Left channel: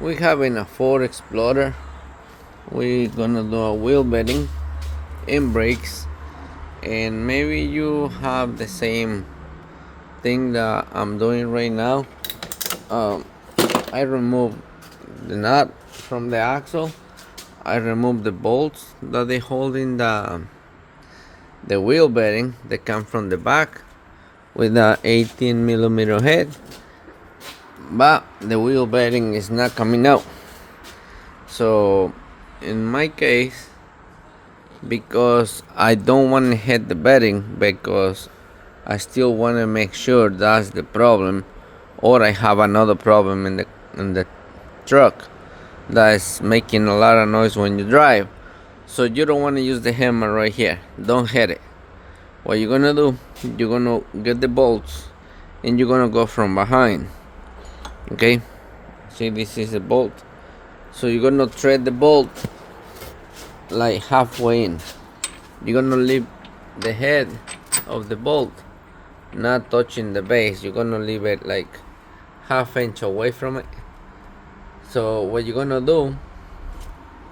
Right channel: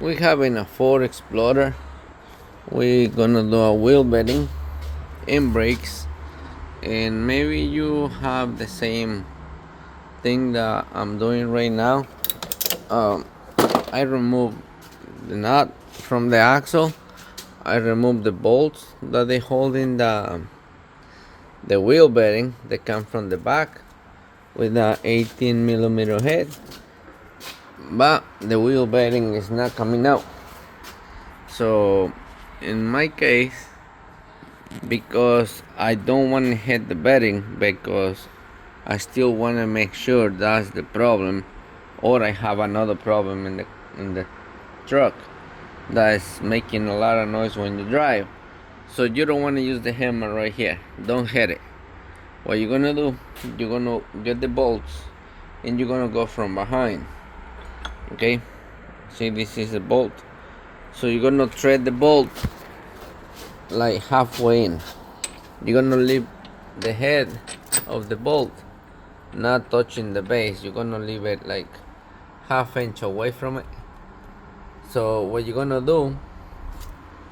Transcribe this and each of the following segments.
We having a Ford Explorer. We're gonna do a wheel bedding and brakes, and maybe you have the same thing that I'm doing right now. Um, I removed the nut from the axle. I removed the bolts that they hold in the wheel bedding that come from the back with the 18 millimeter head, but the wheel bedding is not coming out. So in my case, because I don't want to hit the bedding, because I still want to make sure that's the problem, or I have another problem in the truck that is making a lot of noise when you drive. So you don't want to use the hammer right here. Don't hit it. What you're gonna do, you're gonna get the bolts and you're gonna go from behind. Okay? See, this is a bolt. So you're gonna thread the bolt like halfway in. You're gonna leave the head of the bolt not touching the base. You're gonna leave it like half-inch away from it. So what you're gonna do,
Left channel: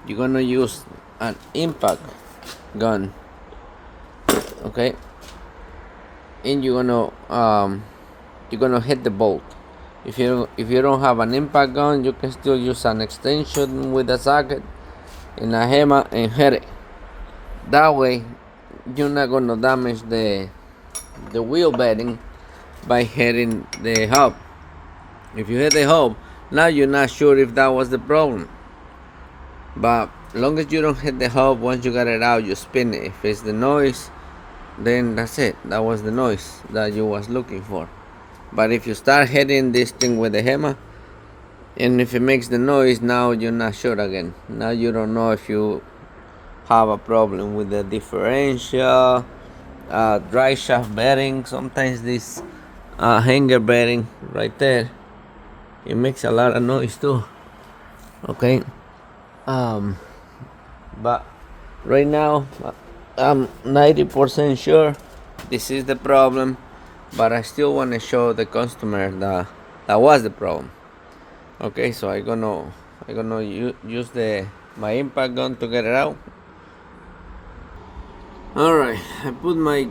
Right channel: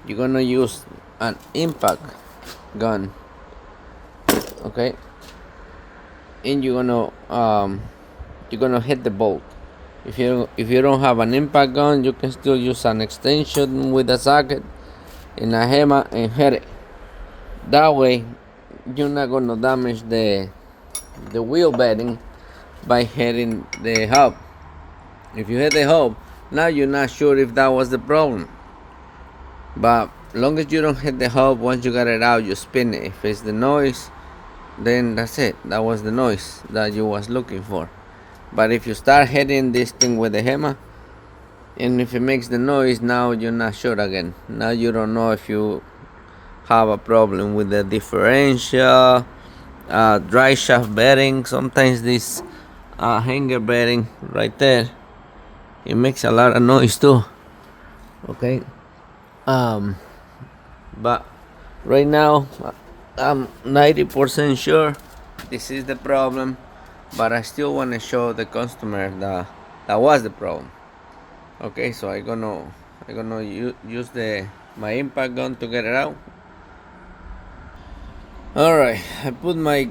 you're gonna use an impact gun, okay, and you're gonna hit the bolt. If you don't have an impact gun, you can still use an extension with a socket and a hammer and hit it. That way you're not gonna damage the wheel bedding by hitting the hub. If you hit the hub, now you're not sure if that was the problem. But long as you don't hit the hub, once you got it out, you spin it. If it's the noise, then that's it. That was the noise that you was looking for. But if you start hitting this thing with the hammer, and if it makes the noise, now you're not sure again. Now you don't know if you have a problem with the differential, dry shaft bearing. Sometimes this hanger bearing right there, it makes a lot of noise too. Okay. But right now I'm 90% sure this is the problem, but I still want to show the customer that was the problem. Okay, so I'm gonna use the my impact gun to get it out. All right, I put my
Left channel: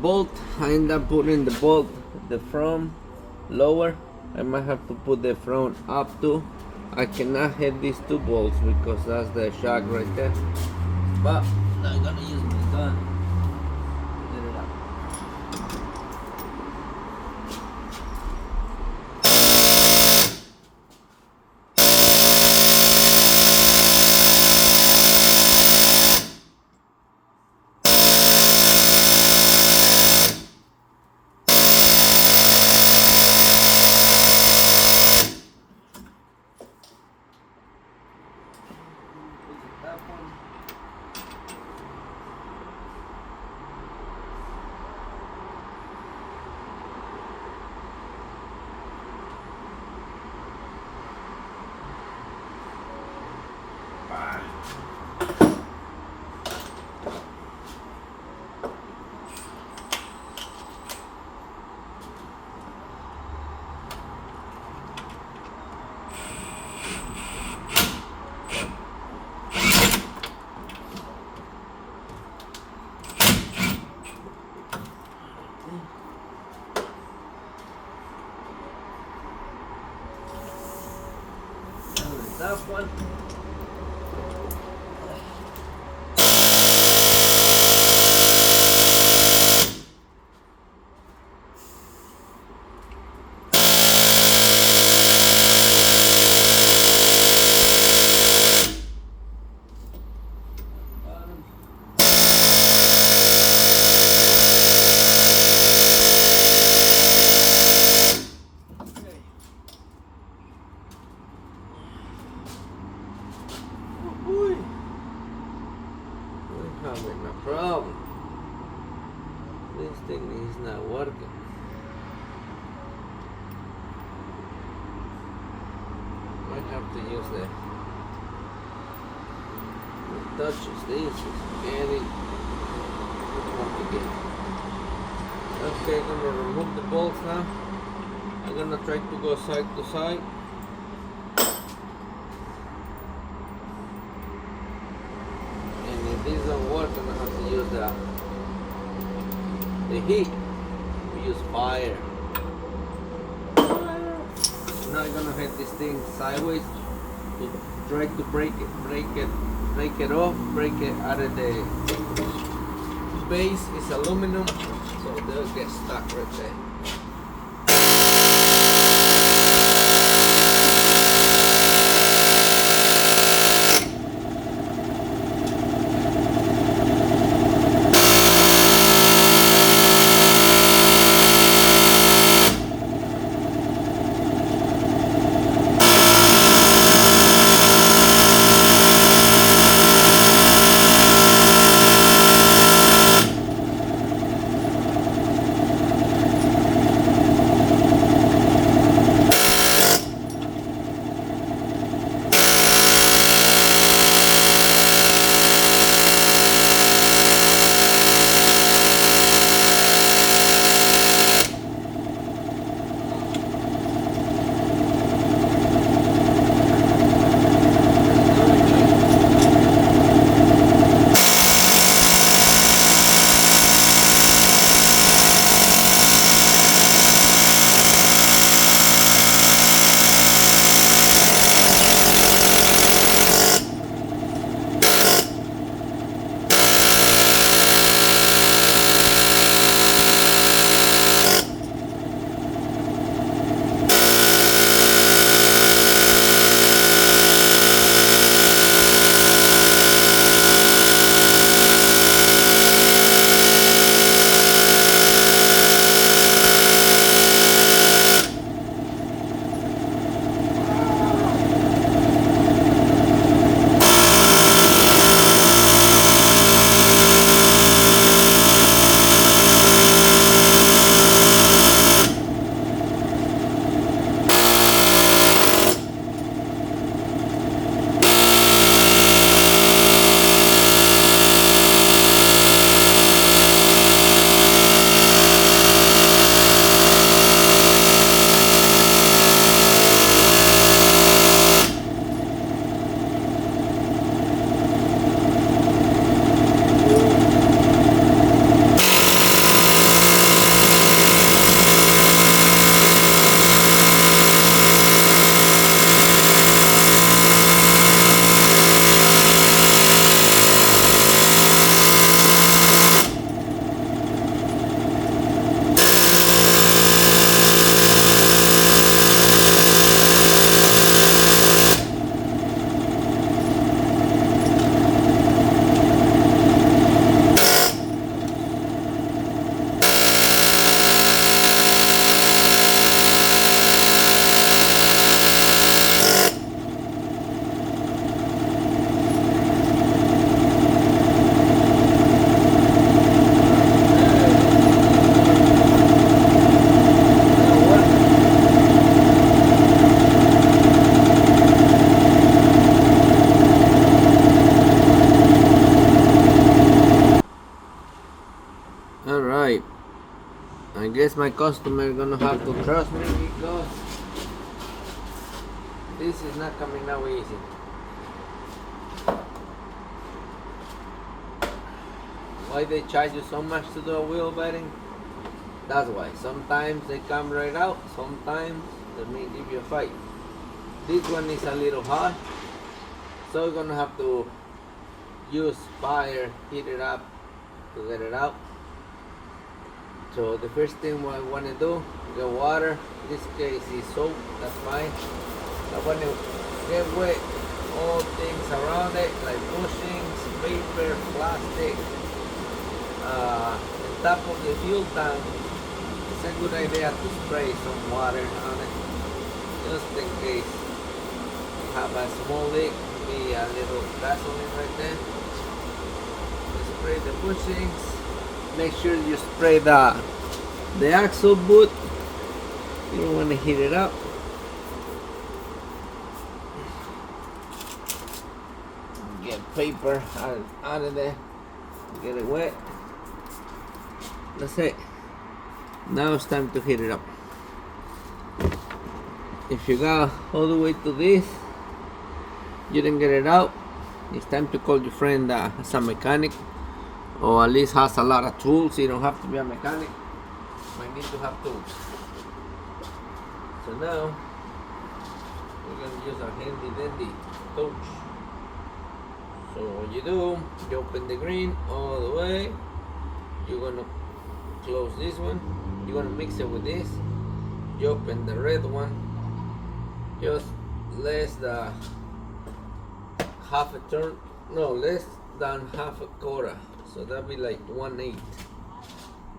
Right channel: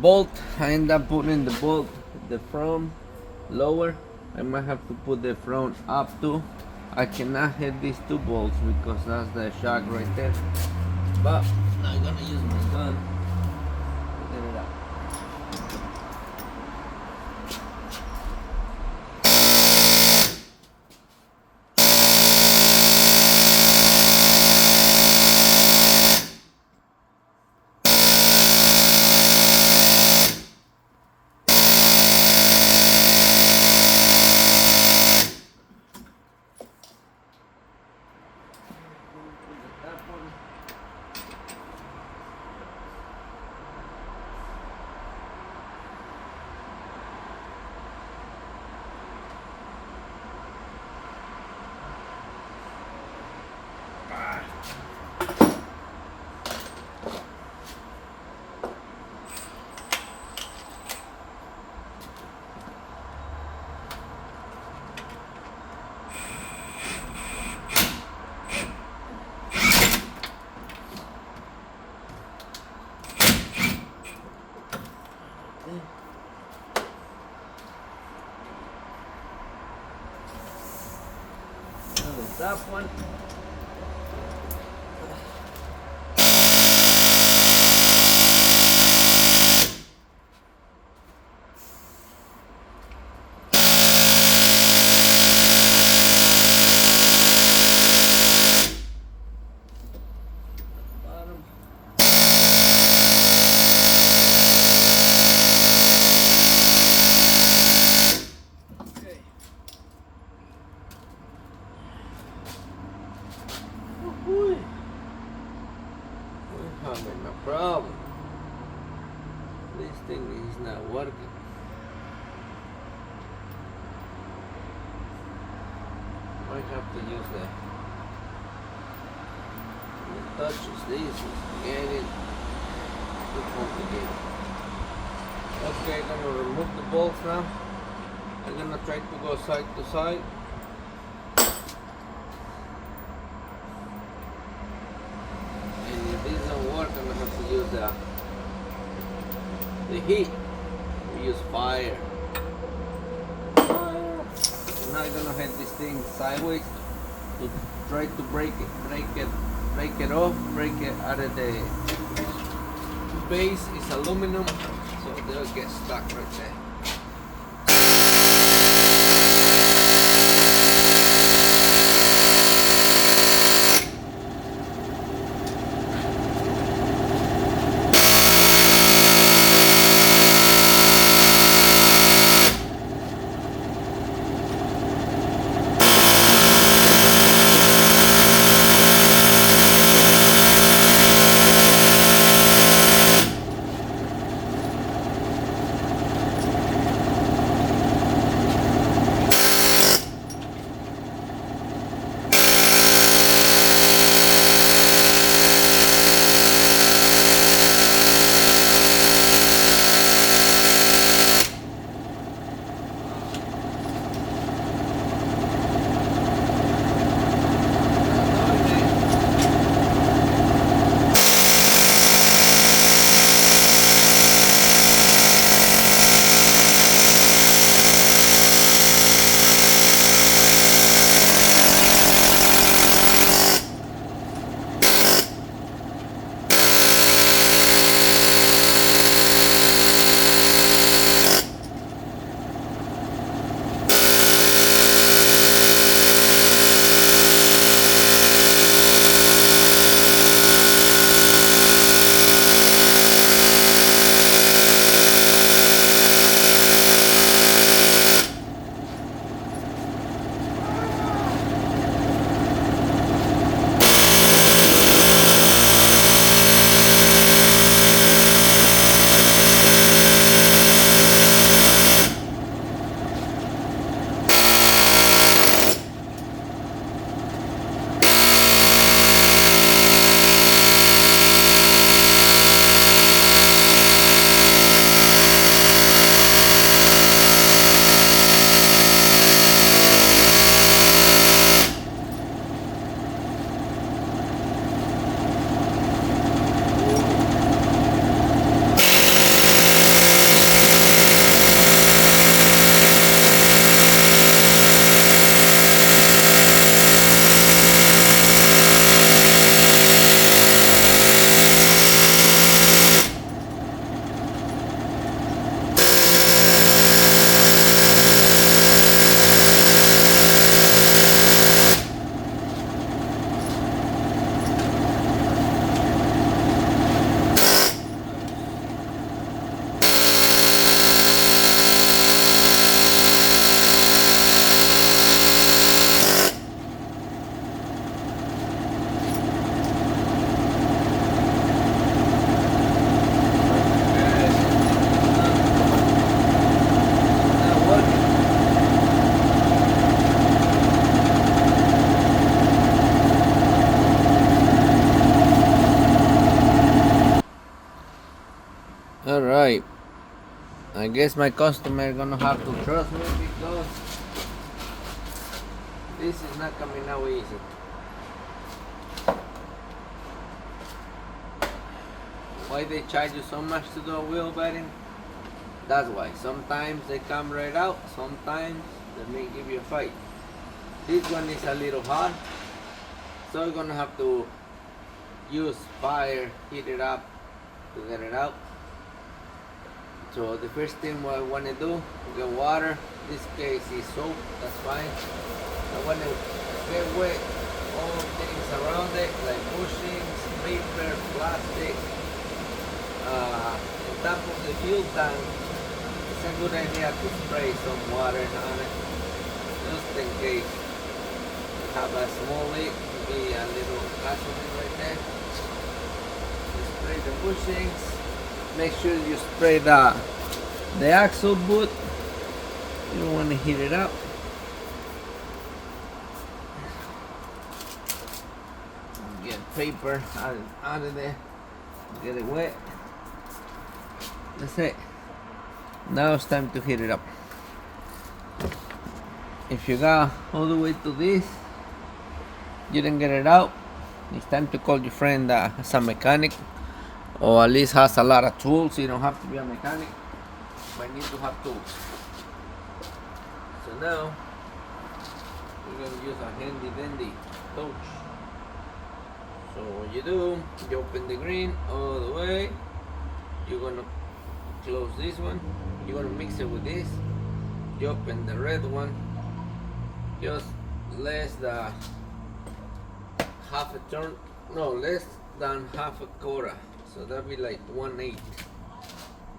bolt. I end up putting the bolt the front lower. I might have to put the front up too. I cannot hit these two bolts because that's the shock right there. But I'm gonna use my gun to get it out. That one. That one. Bottom. Okay. Oh boy. We're having a problem. This thing is not working. I have to use the touches. This is getting too complicated. Okay, I'm gonna remove the bolts now. I'm gonna try to go side to side. the heat. We use fire. Fire. I'm not gonna hit this thing sideways to try to break it off, break it out of the base. Is aluminum, so they'll get stuck right there. Alright, I guess my customer gonna have to trust me because this is not coming out easy. Why they charge you so much to do a wheel bedding? That's why. Sometimes they come right out, sometimes they may give you a fight. This one is a little hot, so you're gonna have to use fire, heat it up to get it out. So the first thing what I want to do, get water. In this case is soap, that's fine. I want to get wet all things around it, like bushings, paper, plastic. On top of the fuel tank, it's a good idea to spray some water on it, just in case you have a small leak. Maybe a little gasoline right there. You spray the bushings. Make sure you spray the axle boot. You don't want to heat it up. Get paper out of there. Get it wet. That's it. Now it's time to heat it up. If you got all the way to this, you didn't get it out, it's time to call your friend as a mechanic or at least has a lot of tools. You don't have to be a mechanic, but need to have tools. So now we're going to use a handy dandy torch. So what you do, you open the green all the way, you're going to close this one, you're going to mix it with this, you open the red one, just less than half a turn, no, less than half a quarter, so that'd be like 1/8.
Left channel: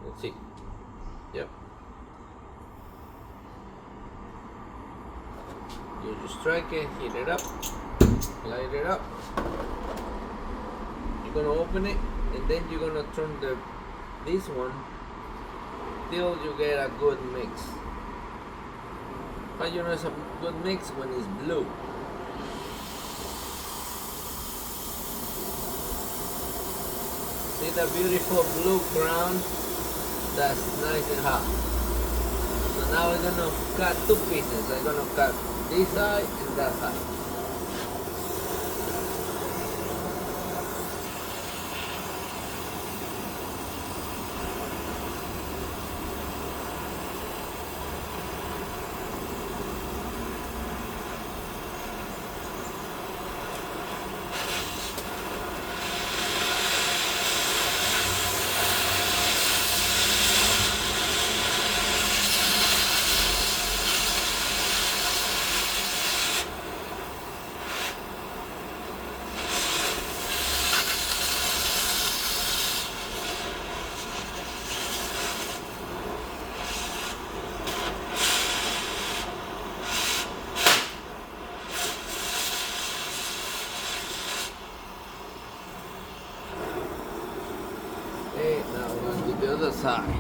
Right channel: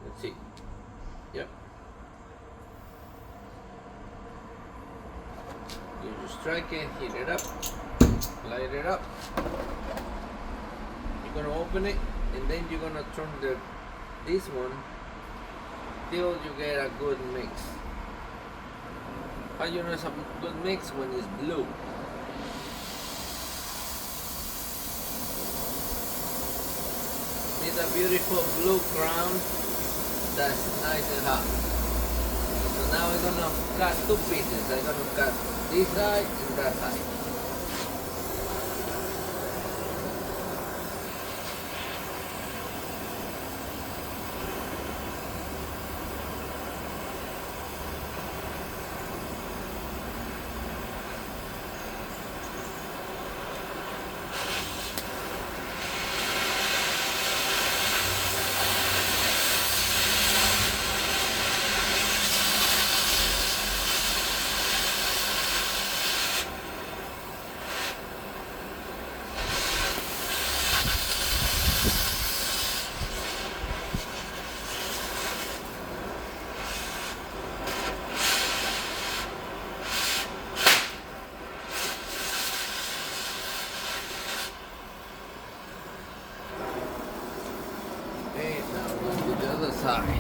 Let's see. Yep. You just strike it, heat it up, light it up. You're gonna open it, and then you're gonna turn this one till you get a good mix. How you know it's a good mix? When it's blue. See the beautiful blue crown? That's nice and hot. So now we're gonna cut two pieces. I'm gonna cut this side and that side. Okay, now we're gonna do the other side.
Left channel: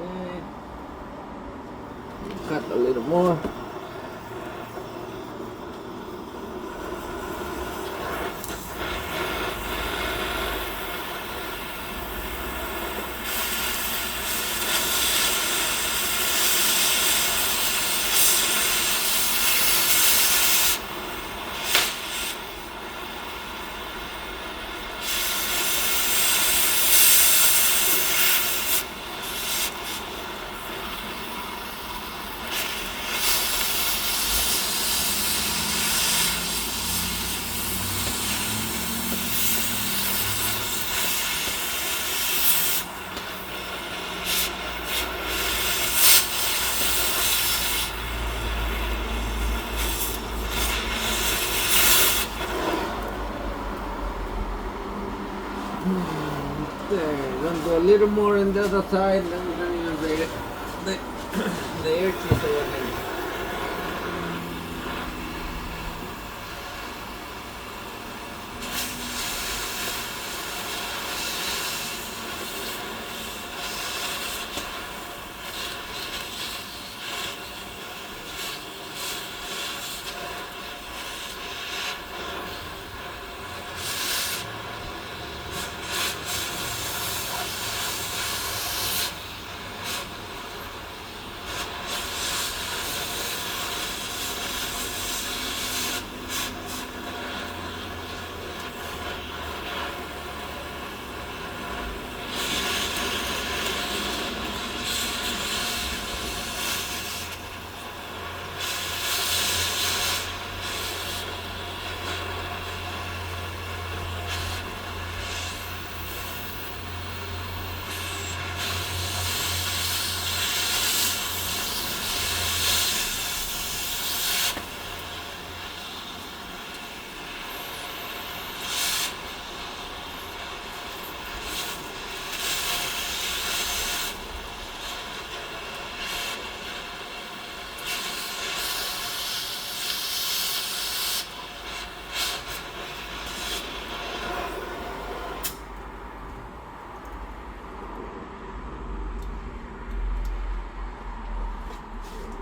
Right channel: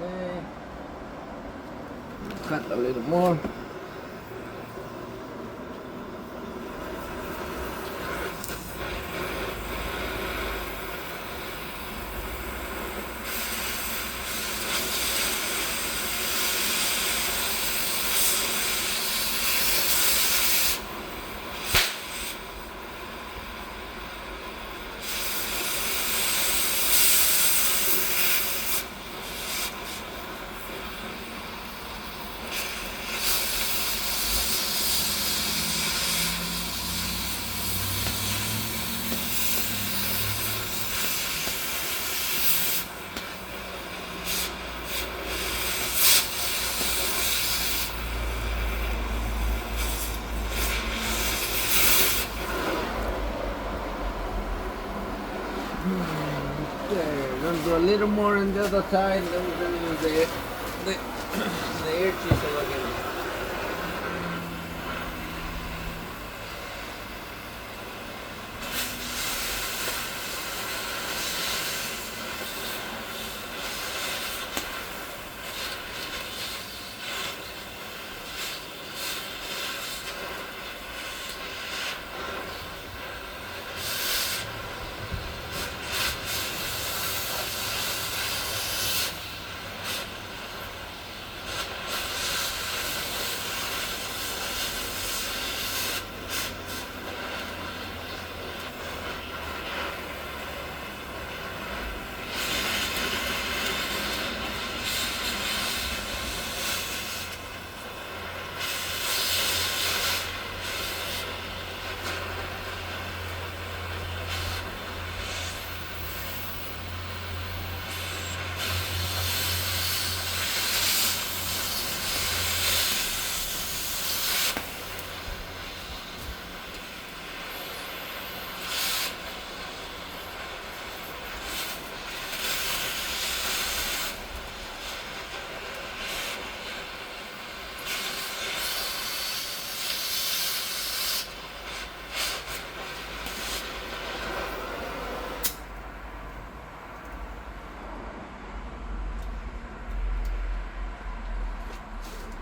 Okay. Cut a little more. Okay, gonna do a little more on the other side, then we're gonna use the air chisel again.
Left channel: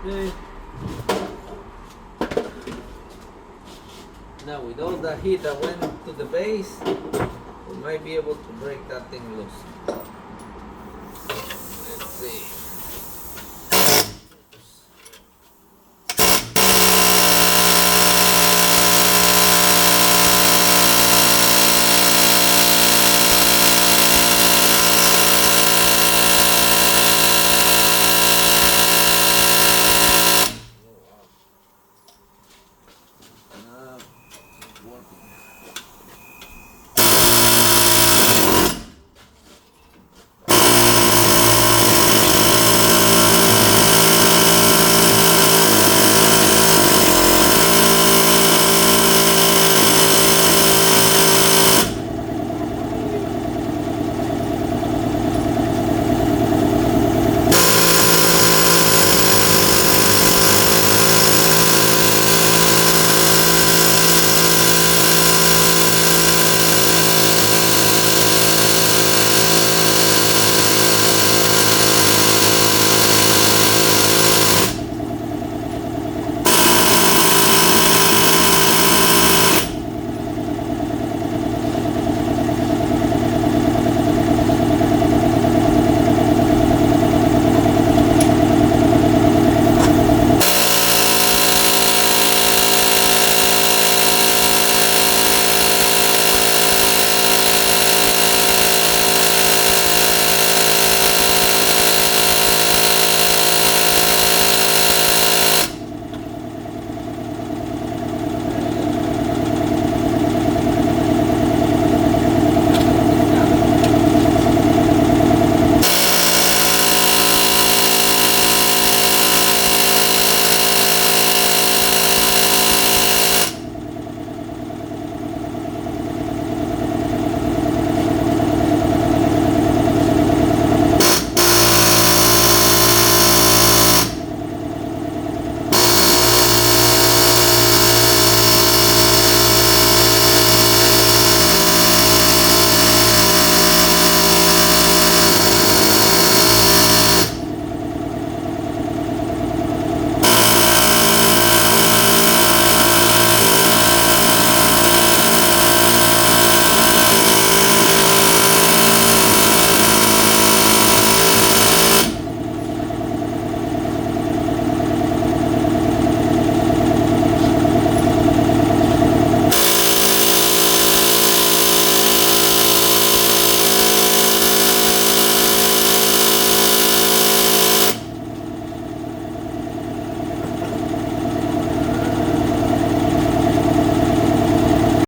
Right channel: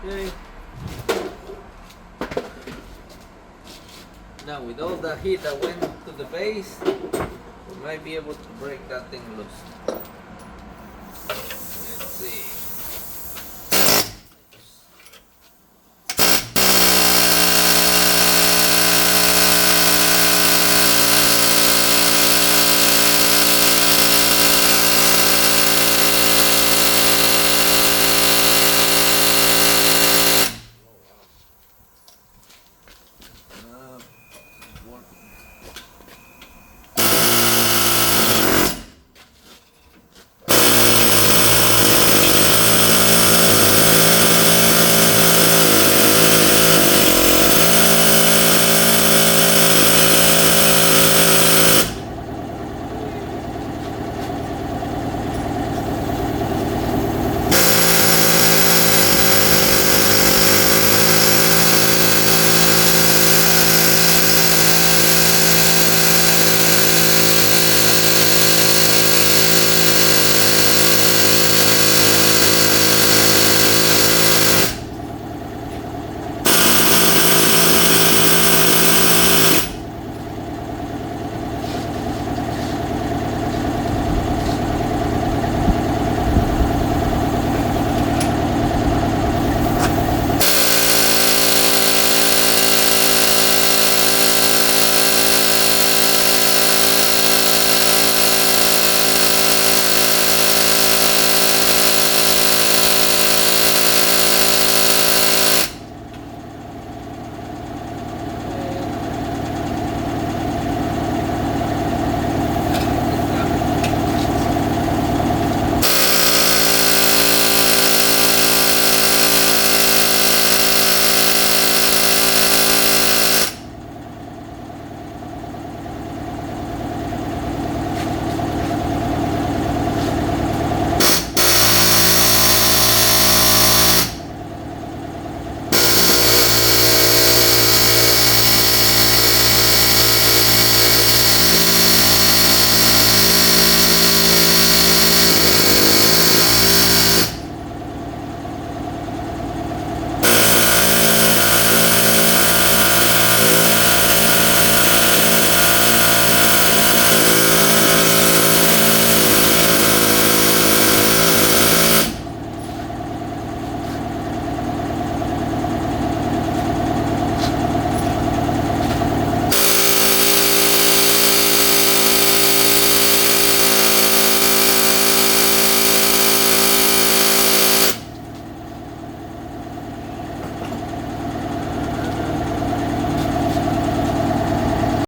Okay. Now with all the heat that went to the base, we might be able to break that thing loose.